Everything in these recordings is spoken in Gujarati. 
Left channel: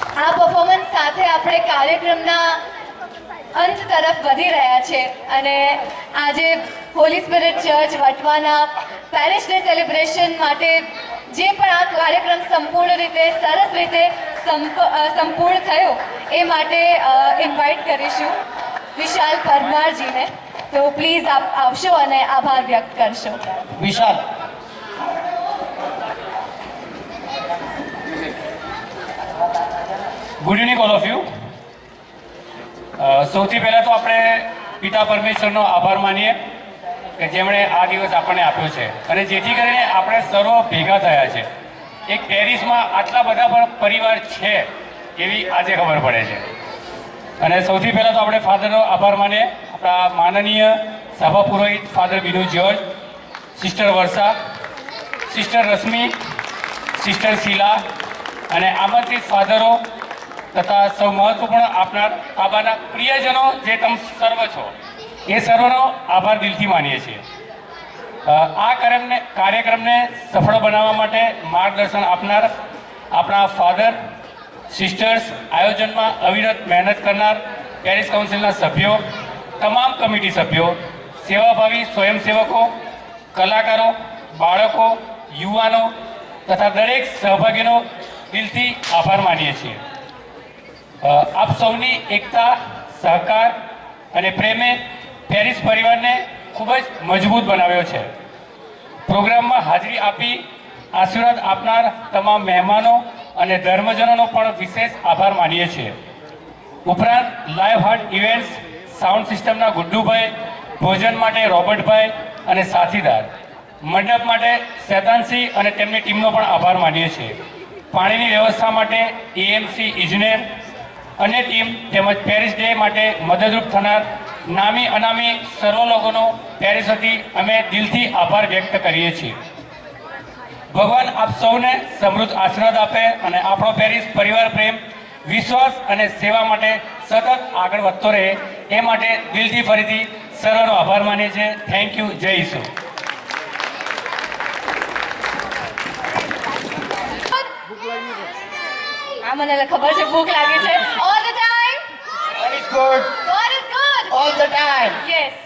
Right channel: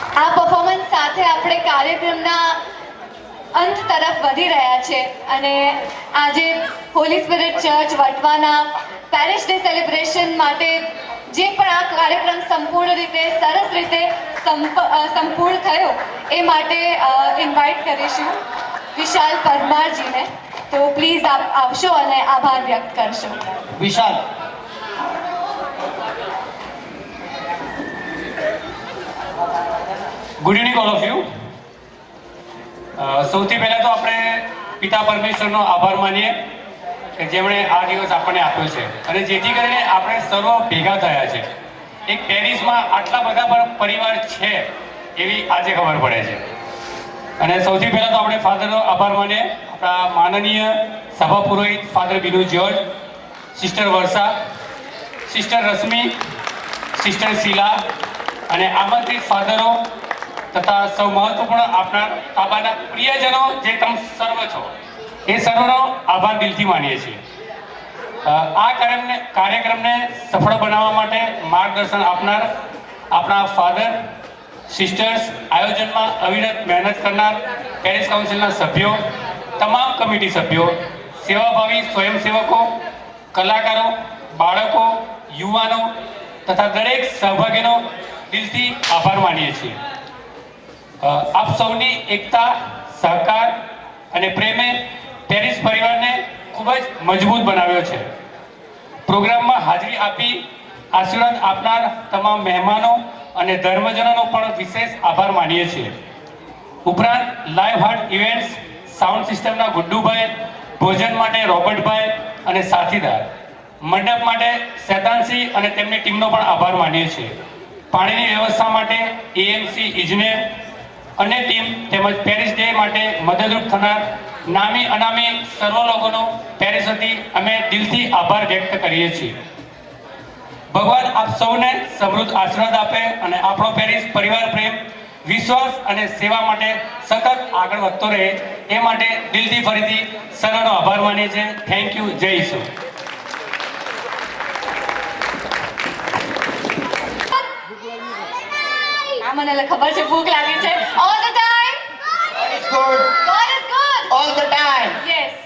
આ પરફોર્મન્સ સાથે આપણે કાર્યક્રમના અંત તરફ વધી રહ્યા છે અને આજે હોલી સ્પિરિટ ચર્ચ વટવાના પેરિસ ડે સેલિબ્રેશન માટે જે પણ આ કાર્યક્રમ સંપૂર્ણ રીતે સરસ રીતે સંપૂર્ણ થયો એ માટે ઇન્વાઇટ કરીશું વિશાલ પરમારજીને. તો પ્લીઝ આપ આવશો અને આભાર વ્યક્ત કરશો. Vishal. Good evening all of you. સૌથી પહેલા તો આપણે પિતા પરમેશ્વરનો આભાર માનીએ કે જેમણે આ દિવસ આપણને આપ્યો છે અને જેથી કરીને આપણે સર્વ ભેગા થયા છે. એક પેરિસમાં આટલા બધા પરિવાર છે એવી આજે ખબર પડે છે. અને સૌથી પહેલા તો આપણે ફાધરનો આભાર માનીએ, આપણા માનનીય સભા પુરોહિત ફાધર બિનુ જ્યોર્જ, સિસ્ટર વર્ષા, સિસ્ટર રશ્મિ, સિસ્ટર શીલા અને આમંત્રિત ફાધરો તથા સૌ મહત્વપૂર્ણ આપણા તાબાના પ્રિયજનો જે તમે સર્વ છો એ સર્વનો આભાર દિલથી માનીએ છીએ. આ કાર્યક્રમને સફળ બનાવવા માટે માર્ગદર્શન આપનાર આપણા ફાધર, સિસ્ટર્સ, આયોજનમાં અવિરત મહેનત કરનાર પેરિસ કાઉન્સિલના સભ્યો, તમામ કમિટી સભ્યો, સેવાભાવી સ્વયંસેવકો, કલાકારો, બાળકો, યુવાનો તથા દરેક સહભાગીનો દિલથી આભાર માનીએ છીએ. આપ સૌની એકતા, સહકાર અને પ્રેમે પેરિસ પરિવારને ખૂબ જ મજબૂત બનાવ્યો છે. પ્રોગ્રામમાં હાજરી આપી આશીર્વાદ આપનાર તમામ મહેમાનો અને ધર્મજનોનો પણ વિશેષ આભાર માનીએ છીએ. ઉપરાંત લાઈવ હાર્ટ ઇવેન્ટ્સ, સાઉન્ડ સિસ્ટમના ગુડ્ડુભાઈ, ભોજન માટે રોબર્ટભાઈ અને સાથીદાર, મંડપ માટે શેતાનસિંહ અને તેમની ટીમનો પણ આભાર માનીએ છીએ. પાણીની વ્યવસ્થા માટે એએમસી ઇજનેર અને ટીમ તેમજ પેરિસ ડે માટે મદદરૂપ થનાર નામી અનામી સર્વ લોકોનો પેરિસ વતી અમે દિલથી આભાર વ્યક્ત કરીએ છીએ. ભગવાન આપ સૌને સમૃદ્ધ આશીર્વાદ આપે અને આપણો પેરિસ પરિવાર પ્રેમ, વિશ્વાસ અને સેવા માટે સતત આગળ વધતો રહે એ માટે દિલથી ફરીથી સર્વનો આભાર માનીએ છીએ. Thank you. જય ઈસુ. મને ખબર છે ભૂખ લાગી છે. All the time God is good. God is good All the time. Yes.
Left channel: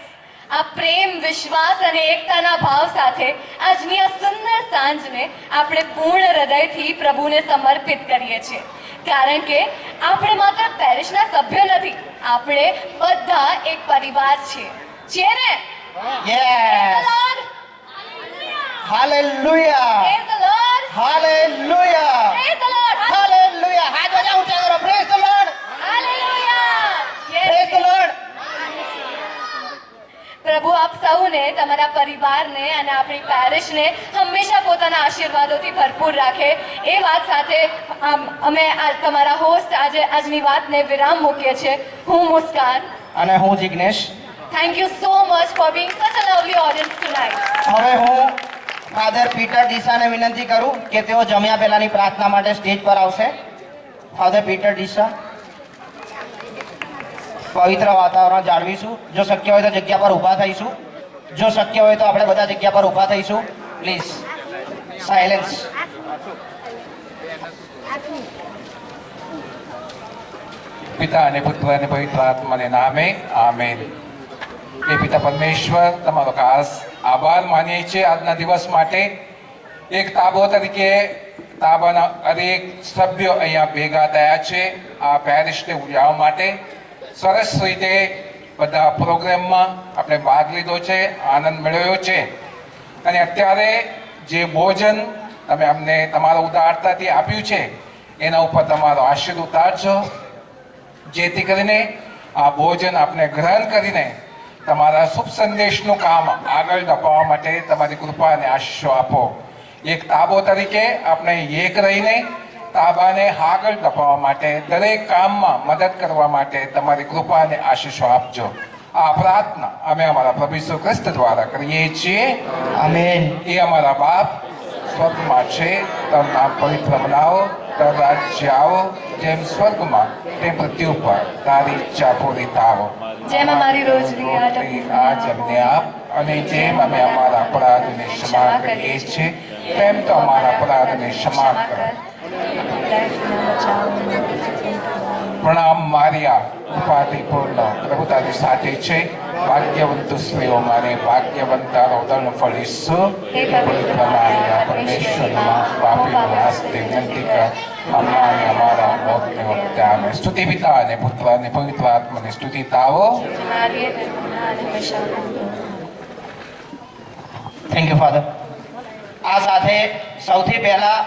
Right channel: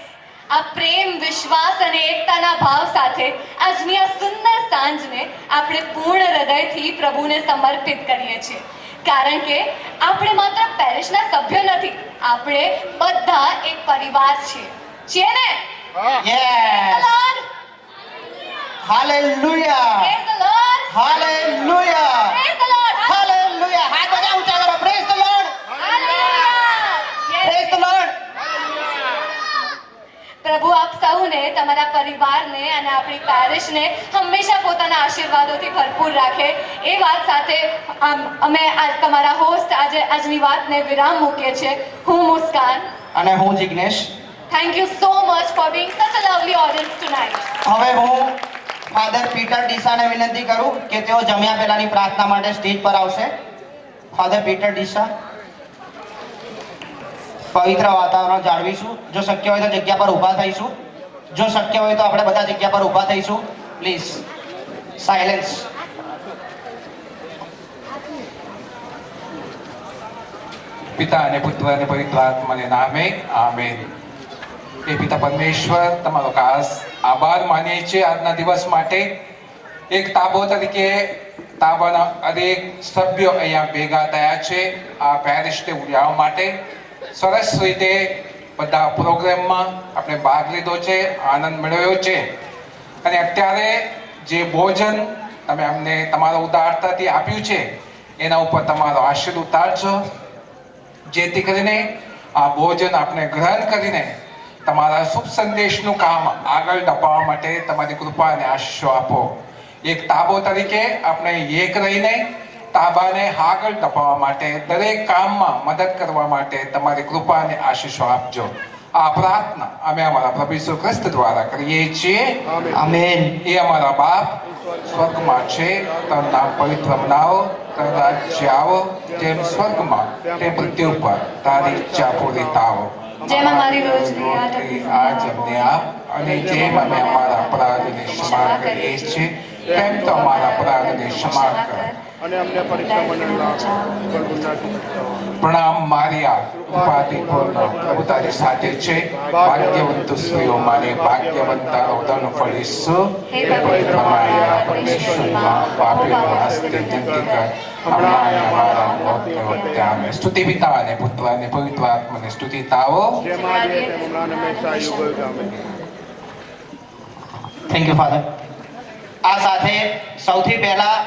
આ પ્રેમ, વિશ્વાસ અને એકતાના ભાવ સાથે આજની આ સુંદર સાંજને આપણે પૂર્ણ હૃદયથી પ્રભુને સમર્પિત કરીએ છીએ. કારણ કે આપણે માત્ર પેરિસના સભ્યો નથી, આપણે બધા એક પરિવાર છીએ ને? Yes. Hallelujah. Praise the Lord. Hallelujah. Praise the Lord. Hallelujah. હાથ બધા ઊંચા કરો. Praise the Lord. Hallelujah. Yes. Praise the Lord. પ્રભુ આપ સૌને, તમારા પરિવારને અને આપણી પેરિસને હંમેશા પોતાના આશીર્વાદોથી ભરપૂર રાખે એ વાત સાથે અમે તમારા હોસ્ટ આજની વાતને વિરામ મૂકીએ છીએ. હું મુસ્કાન અને હું Jignesh. Thank you so much for being such a lovely audience tonight. હવે હું ફાધર પીટર ડીસાને વિનંતી કરું કે તેઓ જમ્યા પહેલાની પ્રાર્થના માટે સ્ટેજ પર આવશે. Father Peter Deesa. પવિત્ર વાતાવરણ જાળવીશું. જો શક્ય હોય તો જગ્યા પર ઊભા થઈશું. જો શક્ય હોય તો આપણે બધા જગ્યા પર ઊભા થઈશું. Please silence. પિતા અને પુત્ર અને પવિત્ર આત્માને નામે આમેન. એ પિતા પરમેશ્વર, તમારો ખાસ આભાર માનીએ છીએ આજના દિવસ માટે. એક તાબો તરીકે તાબાના દરેક સભ્યો અહીંયા ભેગા થયા છે આ પેરિસ ડે ઉજવવા માટે. સરસ રીતે બધા પ્રોગ્રામમાં આપણે ભાગ લીધો છે, આનંદ મેળવ્યો છે. અને અત્યારે જે ભોજન તમે અમને તમારા ઉદારતાથી આપ્યું છે એના ઉપર તમારો આશીર્વાદ ઉતારજો, જેથી કરીને આ ભોજન આપણે ગ્રહણ કરીને તમારા શુભ સંદેશનું કામ આગળ ધપાવવા માટે તમારી કૃપા અને આશીષો આપો. એક તાબો તરીકે આપણે એક રહીને તાબાને આગળ ધપાવવા માટે, દરેક કામમાં મદદ કરવા માટે તમારી કૃપા અને આશીષો આપજો. આ પ્રાર્થના અમે અમારા પ્રભુ ઈસુ ખ્રિસ્ત દ્વારા કરીએ છીએ. આમેન. એ અમારા બાપ સ્વર્ગમાં છે, તારું નામ પવિત્ર બનાવો, તારું રાજ્ય આવો, જેમ સ્વર્ગમાં તેમ પૃથ્વી ઉપર તારી ઈચ્છા પૂરી થાવો. જેમ અમારી રોજની આજ અમને આપ, અને જેમ અમે અમારા અપરાધોને ક્ષમા કરીએ છીએ તેમ તો અમારા અપરાધોને ક્ષમા કરો. કાર્ય ઉપાધિપૂર્ણ પ્રભુતાની સાથે છે. ભાગ્યવંતુ સ્ત્રીઓ માને ભાગ્યવંતારો ધન ફળીશું. હે પવિત્ર મારિયા, પરમેશ્વરમાં પાપીનો વાસ્તે વિનંતી કર, હમણાં અને અમારા મોતની વખતે આમેન. સ્તુતિ પિતા અને પુત્ર અને પવિત્ર આત્માની સ્તુતિ તાઓ. Thank you father. આ સાથે સૌથી પહેલા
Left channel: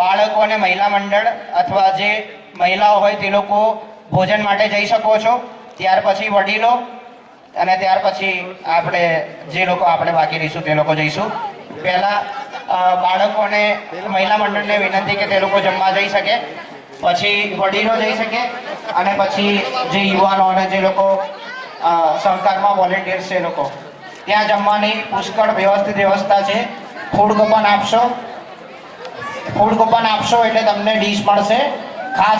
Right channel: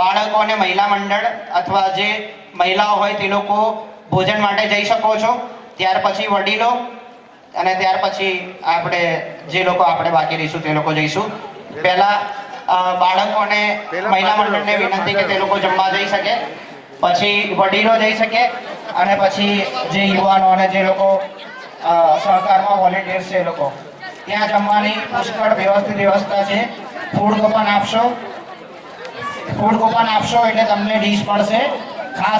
બાળકો અને મહિલા મંડળ અથવા જે મહિલાઓ હોય તે લોકો ભોજન માટે જઈ શકો છો. ત્યાર પછી વડીલો અને ત્યાર પછી આપણે જે લોકો આપણે બાકી રહીશું તે લોકો જઈશું. પહેલા બાળકો અને મહિલા મંડળને વિનંતી કે તે લોકો જમવા જઈ શકે, પછી વડીલો જઈ શકે અને પછી જે યુવાનો અને જે લોકો સહકારમાં વોલેન્ટિયર્સ છે એ લોકો. ત્યાં જમવાની પુષ્કળ વ્યવસ્થિત વ્યવસ્થા છે. ફૂડ કૂપન આપશો એટલે તમને ડીશ મળશે. ખાસ